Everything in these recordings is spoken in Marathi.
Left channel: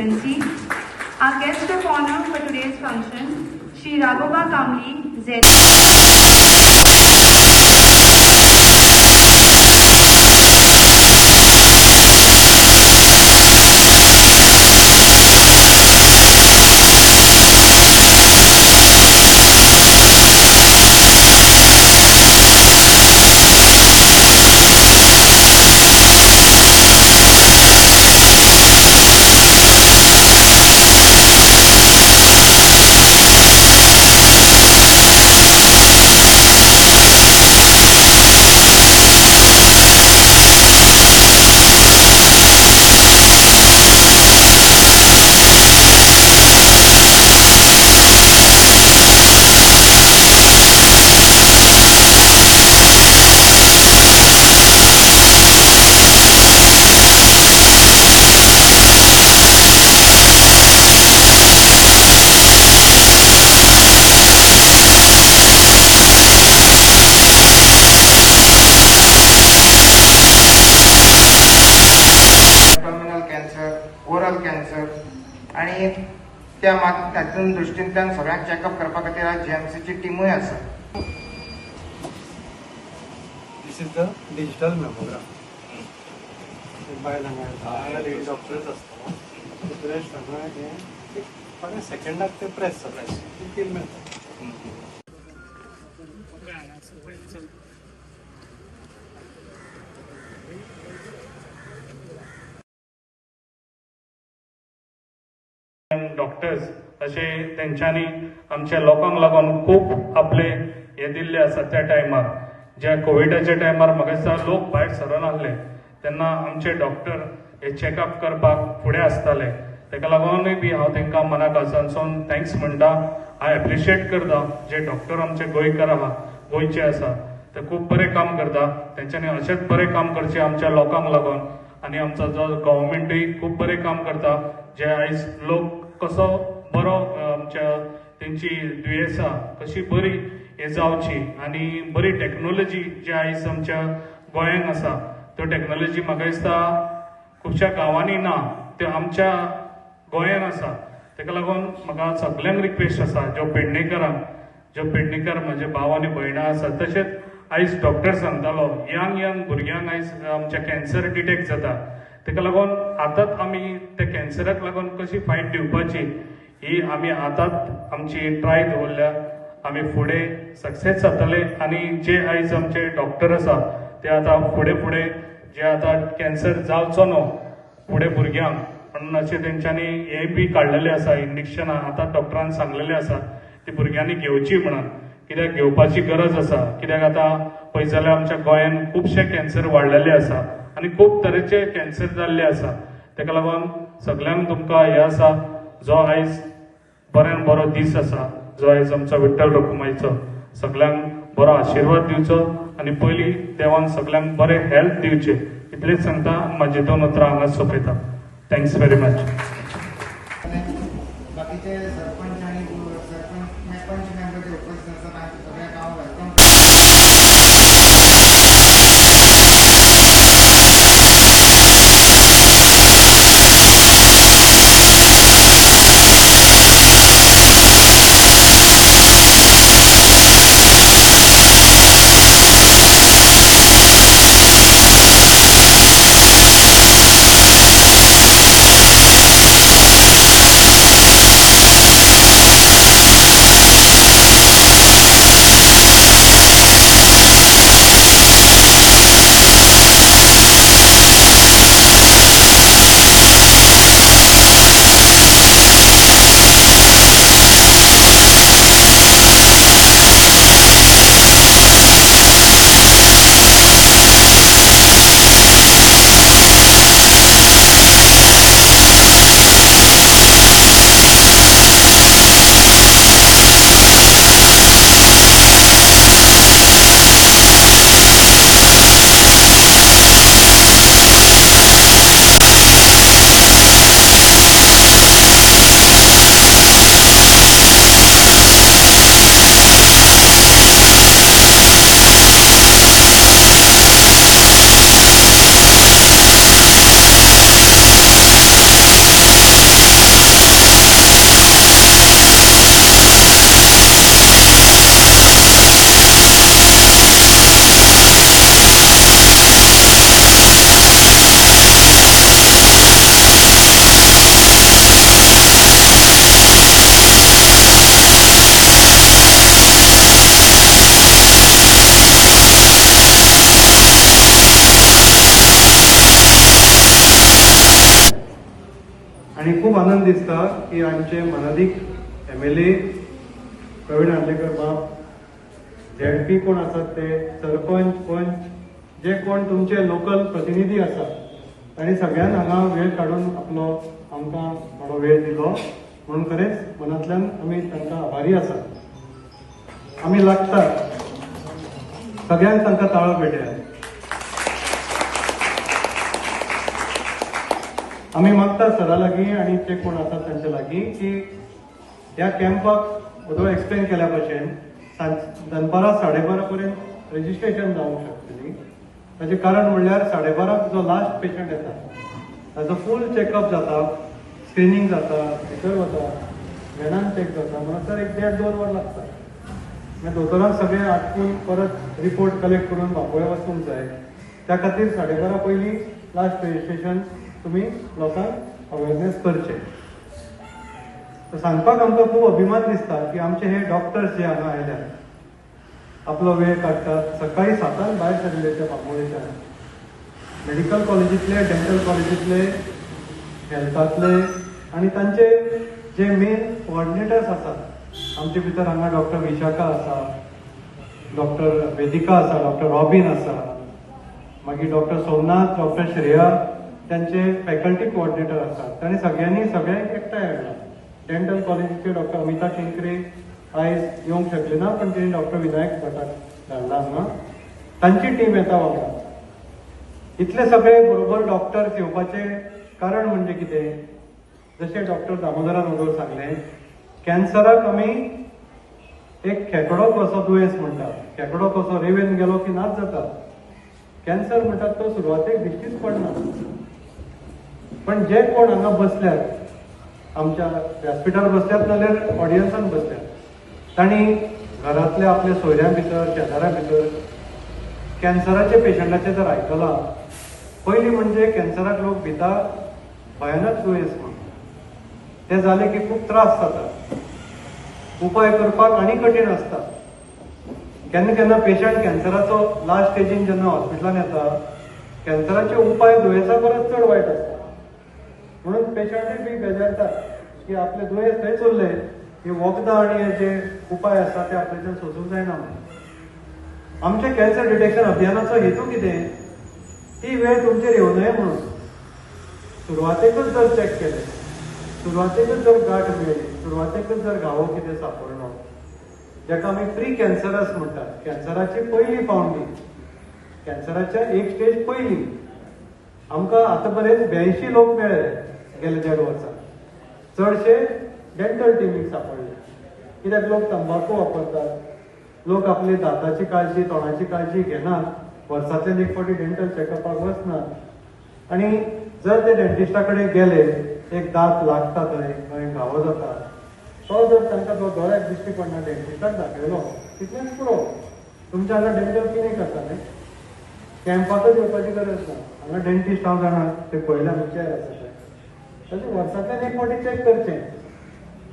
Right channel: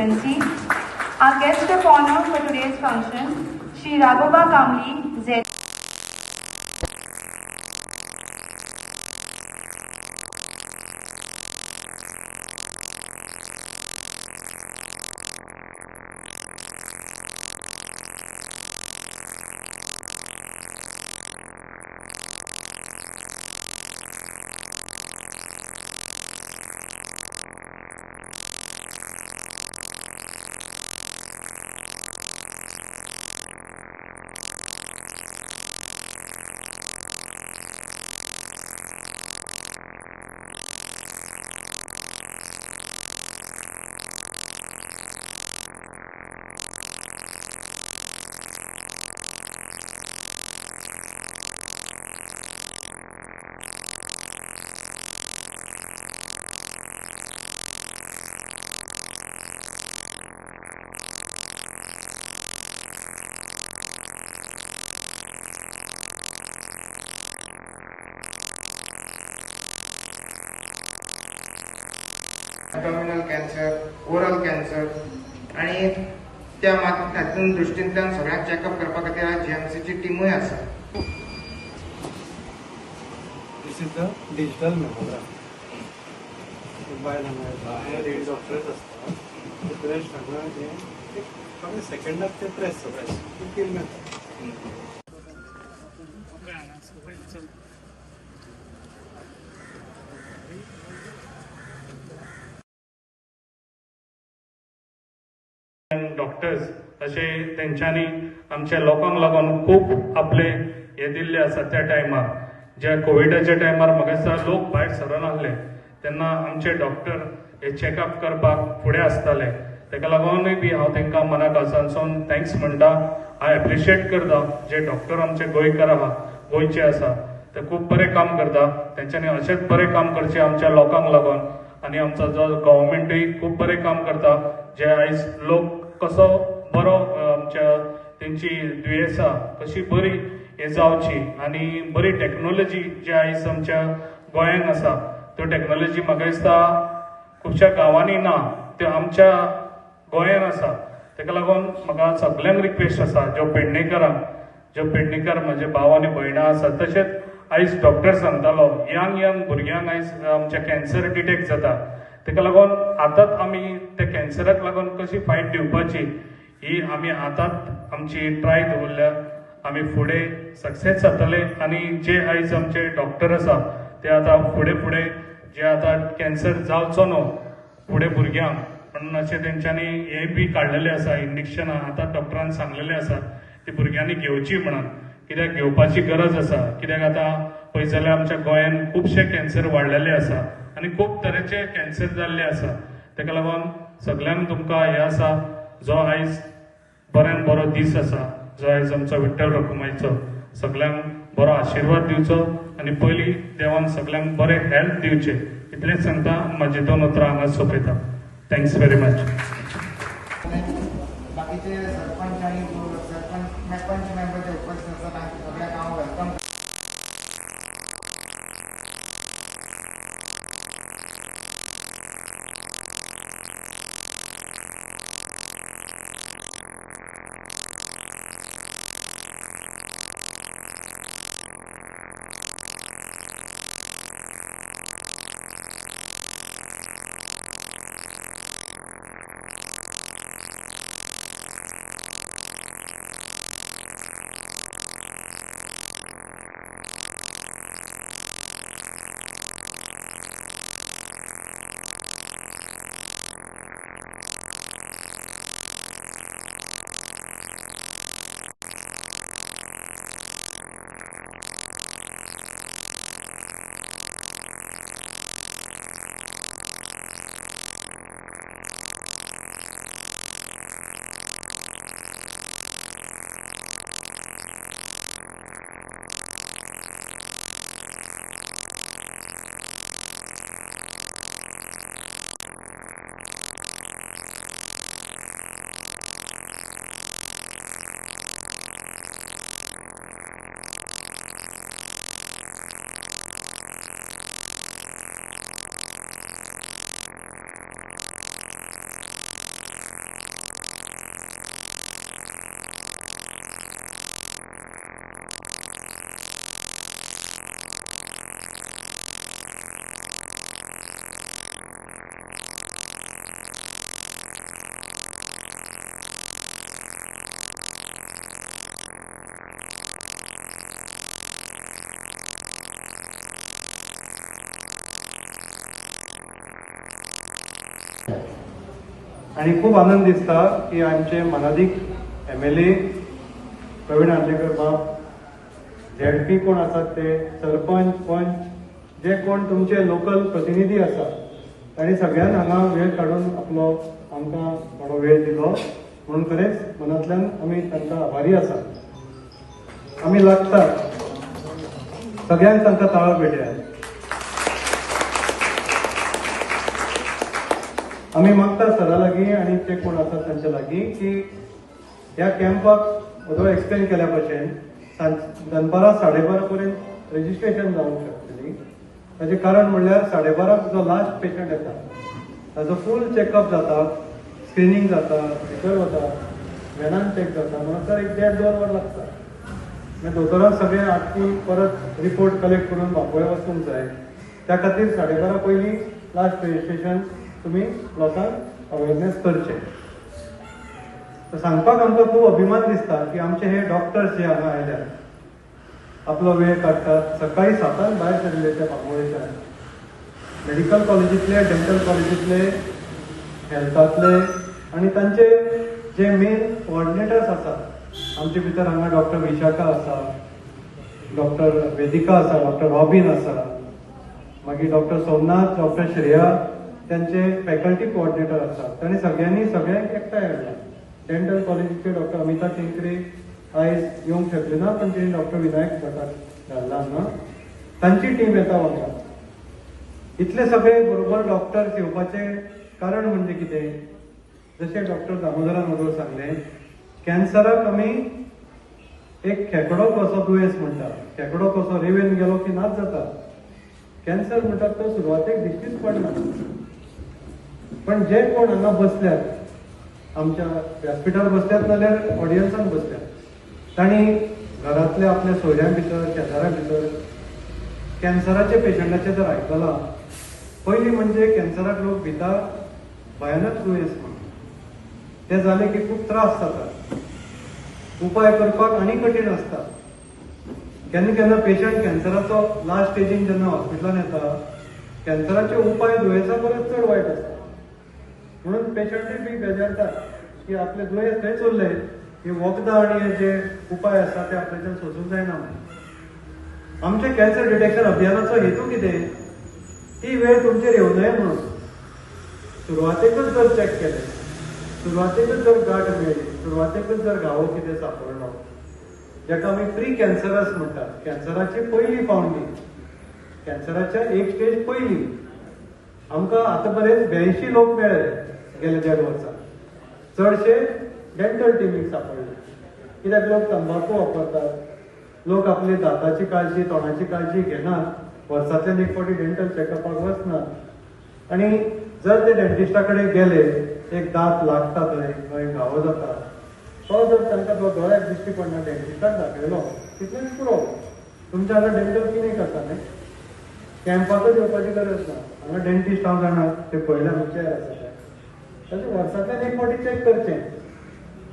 constituency. Our guest of honor for today's function, Shri Raghoba Kamli, Z. Oral cancer आणि त्या तातून दृश्टींतल्यान सगळ्यांक चॅकअप करपा खातीर आज जीएमसीची टिमूय आसा. This is the digital mammogram. बायलांना लेडी डॉक्टर्स आसता प्रेस हांगा हे सेकंडाक ते प्रेस किल मेळटा. डॉक्टर्स अशे तेंच्यांनी आमच्या लोकांक लागून खूब आपले हे दिल्ले आसा. त्या टायमार ज्या कोविडाच्या टायमार म्हाका दिसता लोक भायर सरनासले तेन्ना आमचे डॉक्टर हे चॅकअप करपाक फुडें आसताले. तेका लागूनय बी हांव तेंकां मनापासून थँक्स म्हणटा. हांव एप्रिशिएट करता जे डॉक्टर आमचे गोंयकार आहा गोंयचे आसा ते खूब बरें काम करता. तेंच्यांनी अशेंच बरें काम करचें आमच्या लोकांक लागून. आनी आमचो जो गव्हर्मेंटूय खूब बरें काम करता. जे आयज लोक कसो बरो आमच्या तेंची दुयेंसां कशी बरी हे जावची आनी बरी टॅक्नॉलॉजी जी आयज आमच्या गोंयांत आसा त्यो टॅक्नॉलॉजी म्हाका दिसता खुबश्या गांवांनी ना, त्यो आमच्या गोंयांत आसा. तेका लागून म्हाका सगळ्यांक रिक्वेस्ट आसा ज्यो पेडणेकर म्हजे भाव आनी भयणां आसात तशेंच आयज डॉक्टर सांगतालो यंग भुरग्यांक आयज आमच्या कॅन्सर डिटेक्ट जाता. तेका लागून आतांच आमी त्या कॅन्सराक लागून कशी फायट दिवपाची ही आमी आतांच आमची ट्राय दवरल्या. आमी फुडें सक्सेस जातले आनी जे आयज आमचे डॉक्टर आसा ते आतां फुडें जे आतां कॅन्सर जावचो न्हू फुडें भुरग्यांक म्हणून अशें तेंच्यांनी हे बी काडलेले आसा इंजेक्शनां. आतां डॉक्टरान सांगलेलें आसा ती भुरग्यांनी घेवची म्हणून. कित्याक घेवपाची गरज आसा. कित्याक आतां पळयत जाल्यार आमच्या गोंयांत खुबशे कॅन्सर वाडलेले आसा आनी खूब तरेचे कॅन्सर जाल्ले आसा. तेका लागून सगळ्यांक तुमकां हे आसा जो आयज बऱ्यान बरो दीस आसा जो आयज आमचो विठ्ठल रखुमाईचो सगळ्यांक बरो आशिर्वाद दिवचो आनी पयली देवान सगळ्यांक बरें हेल्थ दिवचें इतलेंच सांगता. म्हाजी 2 उतरां हांगा सोंपयता. Thanks very much. बाकीचे सरपंच आणि सरपंच मेंबर जे उपस्थित असतात सगळ्यांक हांव वेलकम आणि खूप आनंद दिसता की आमचे मनादीक MLA प्रवीण आंदेकर बाब, ZP कोण आसात ते, सरपंच, पंच, जे कोण तुमचे लोकल प्रतिनिधी आसात, तांणी सगळ्यांनी हांगा वेळ काढून आपलो आमकां थोडो वेळ दिलो, म्हणून खरेंच मनांतल्यान आमी तांकां आभारी आसा. आमी लागतात सगळ्यांक तांकां ताळो भेटया. आमी मागता सरा लागीं आनी जे कोण आसात तांचे लागीं की ह्या कॅम्पाक वदळ एक्सप्लेन केल्या भशेन दनपारां 12:30 पर्यंत रजिस्ट्रेशन जावंक शकतली. ताचें कारण म्हणल्यार 12:30 जो लास्ट पेशंट येता ताजो फूल चॅकअप जाता, स्क्रिनींग जाता, भितर वता, व्हॅनान चॅक जाता, म्हणून तर 1.5-2 वर लागता. मागीर दोतोरांक सगळें आटपून परत रिपोर्ट कलेक्ट करून बापोळे वचूंक जाय. त्या खातीर 12:30 पयलीं लास्ट रजिस्ट्रेशन तुमी लोकांक अवेरनेस करचें. सांगपाक आमकां खूब अभिमान दिसता की आमचे हे डॉक्टर्स जे हांगा आयल्यात, आपलो वेळ काडटात, सकाळी 7 भायर सरले ते बांबोळेच्यान, मेडिकल कॉलेजींतले, डेंटल कॉलेजींतले, हेल्थांतले, आनी तांचे जे मेन कोऑर्डिनेटर्स आसात आमचे भितर हांगा डॉक्टर विशाखा आसा, डॉक्टर वेदिका आसा, डॉक्टर रॉबिन आसा, मागीर डॉक्टर सोमनाथ, डॉक्टर श्रेया, त्यांचे फॅकल्टी कोऑर्डिनेटर आसात. तांणी सगळ्यांनी सगळ्यांक एकठांय हाडला. डेंटल कॉलेजीचे डॉक्टर अमिता शेंकरे आयज येवंक शकले ना, पण तेणी डॉक्टर विनायक भटाक धाडला हांगा. तांची टीम येता वांगडा. इतले सगळे बरोबर डॉक्टर्स येवपाचे कारण म्हणजे कितें? जशें डॉक्टर दामोदरान वडोळ सांगलें, कॅन्सराक आमी एक खेकडो कसो दुयेंस म्हणटा. खेकडो कसो रेंवेन गेलो की नाच जाता. कॅन्सर म्हणटात तो सुरवातेक दिश्टीच पडना. पण जे कोण हांगा बसल्यात, आमच्या व्यासपीठार बसल्यात नाल्यार ऑडियन्सान बसल्यात, तांणी घरांतल्या आपल्या सोयऱ्यां भितर, शेजाऱ्यां भितर कॅन्सराचे पेशंटाचे जर आयकलां, पयलीं म्हणजे कॅन्सराक लोक भिता भयानक दुयेंस म्हणून. ते जाले की खूब त्रास जाता, उपाय करपाक आनी कठीण आसता. केन्ना केन्ना पेशंट कॅन्सराचो लास्ट स्टेजीन जेन्ना हॉस्पिटलान येता, कॅन्सराचे उपाय दुयेंसा परस चड वायट आसता. म्हणून पेशंटूय बी बेजारतात की आपले दुयेंस थंयच उरले की वखदां आनी हे जे उपाय आसा ते आपल्याच्यान सोसूंक जायना म्हणून. आमचे कॅन्सर डिटेक्शन अभियानाचो हेतू कितें? ती वेळ तुमचेर येवं नये म्हणून. सुरवातेकच जर चॅक केलें, सुरवातेकच जर गांठ मेळ्ळी, सुरवातेकच जर घावो कितें सापडलो, जाका आमी प्री कॅन्सरस म्हणटात, कॅन्सराची पयली पावंडी, कॅन्सराच्या एक स्टेज पयली. आमकां आतां पर्यंत 82 लोक मेळ्ळे गेल्या 1.5 वर्सां. चडशे डेंटल टिमीक सापडले. कित्याक लोक तंबाखू वापरतात, लोक आपली दाताची काळजी, तोंडाची काळजी घेनात, वर्सांतल्यान एक फावटी डेंटल चॅकअपाक वचनात. आनी जर ते डेंटिस्टा कडेन गेले, एक दांत लागता थंय घावो जाता, तो जर तांकां तो दोळ्याक दिश्टी पडना डेंटिस्टाक दाखयलो, तितलेंच पुरो. तुमच्या हांगा डेंटल क्लिनीक आसा न्ही, कॅम्पाकच येवपाची गरज ना. हांगा डेंटिस्ट हांव जाणात ते पयल्या चॅर आसा ते. ताचे वर्सांतल्यान एक फावटी चॅक करचें.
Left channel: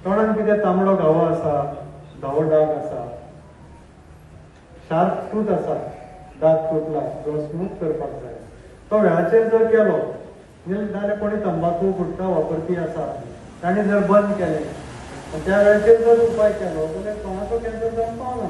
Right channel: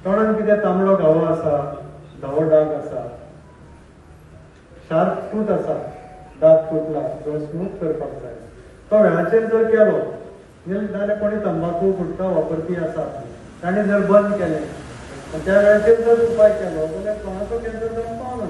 तोंडान कितें तांबडो घावो आसा, धवो डाग आसा, शार्प टूथ आसा, दांत तुटला, तो स्मूथ करपाक जाय. तो वेळाचेर जर केलो जाल्यार कोणी तंबाखू गुटखा वापरपी आसा, ताणें जर बंद केलें, त्या वेळाचेर जर उपाय केलो जाल्यार तोंडाचो कॅन्सर जावंक पावना.